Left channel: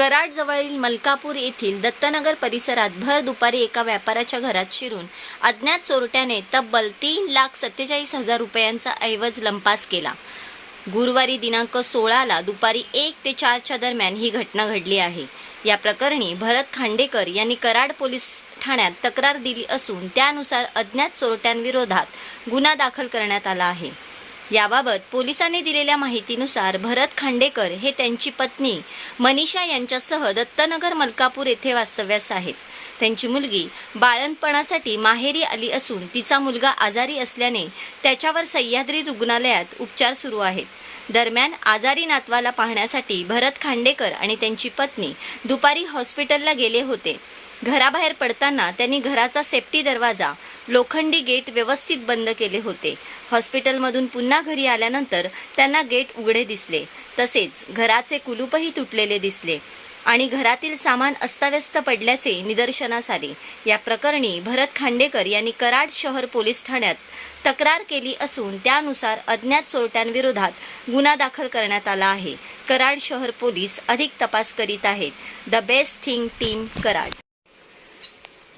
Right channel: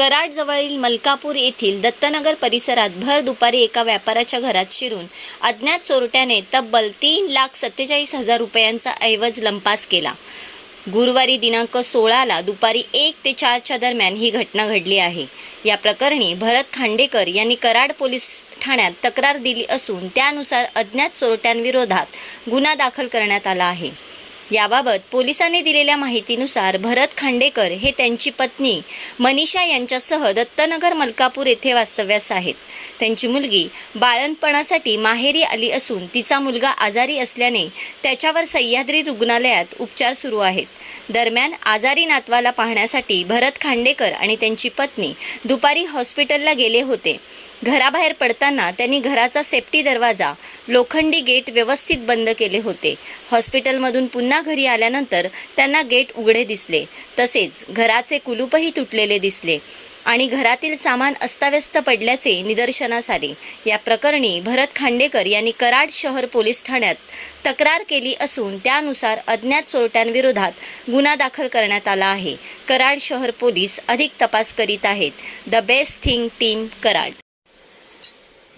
कराडजवळील मलकापूर येथील दत्तनगर परिसरात भर दुपारी एका व्यापाऱ्याच्या घरात शिरून अज्ञात चोरट्याने तब्बल तीन लाख सत्तेचाळीस हजार रुपयांचा ऐवज लंपास केला. गुरुवारी दिनांक सोळाला दुपारी एक ते चारच्या दरम्यान ही घटना घडली आहे. या प्रकरणी भरत खांडेकर यांनी कराड पोलीस ठाण्यात तक्रार दिली असून त्यानुसार अज्ञात चोरट्यांविरोधात गुन्हा दाखल करण्यात आला आहे. याबाबत पोलिसांनी दिलेल्या माहितीनुसार भरत खांडेकर हे त्यांची पत्नी मनीषा यांच्यासह दत्तनगर मलकापूर येथे वास्तव्यास आहेत. त्यांची मुलगी बाळणपणासाठी माहेरी आली असून तिचा मुलगा आजारी असल्याने त्याच्यावर सह्याद्री रुग्णालयात उपचार सुरू आहेत. दरम्यान आजारी नातवाला पाहण्यासाठी भरत खांडेकर आणि त्यांची पत्नी दुपारी हॉस्पिटलला गेले होते. घराबाहेर पडताना त्यांनी घराचा सेफ्टी दरवाजा लोखंडी गेट व्यवस्थित बंद केले होते. हॉस्पिटलमधून पुन्हा घरी आल्यानंतर त्यांना गेट उघडे दिसले. तसेच घराचे कुलूपही तुटलेले दिसले. आणि घरातील सामान अस्ताव्यस्त पडल्याचे निदर्शनास आले. या प्रकरणी भरत खांडेकर यांनी कराड शहर पोलीस ठाण्यात तक्रार केली असून त्यानुसार अज्ञात चोरट्यांविरोधात गुन्हा दाखल करण्यात आला आहे. कराड शहर पोलीस अधिक तपास करीत आहेत. The best thing team Karad.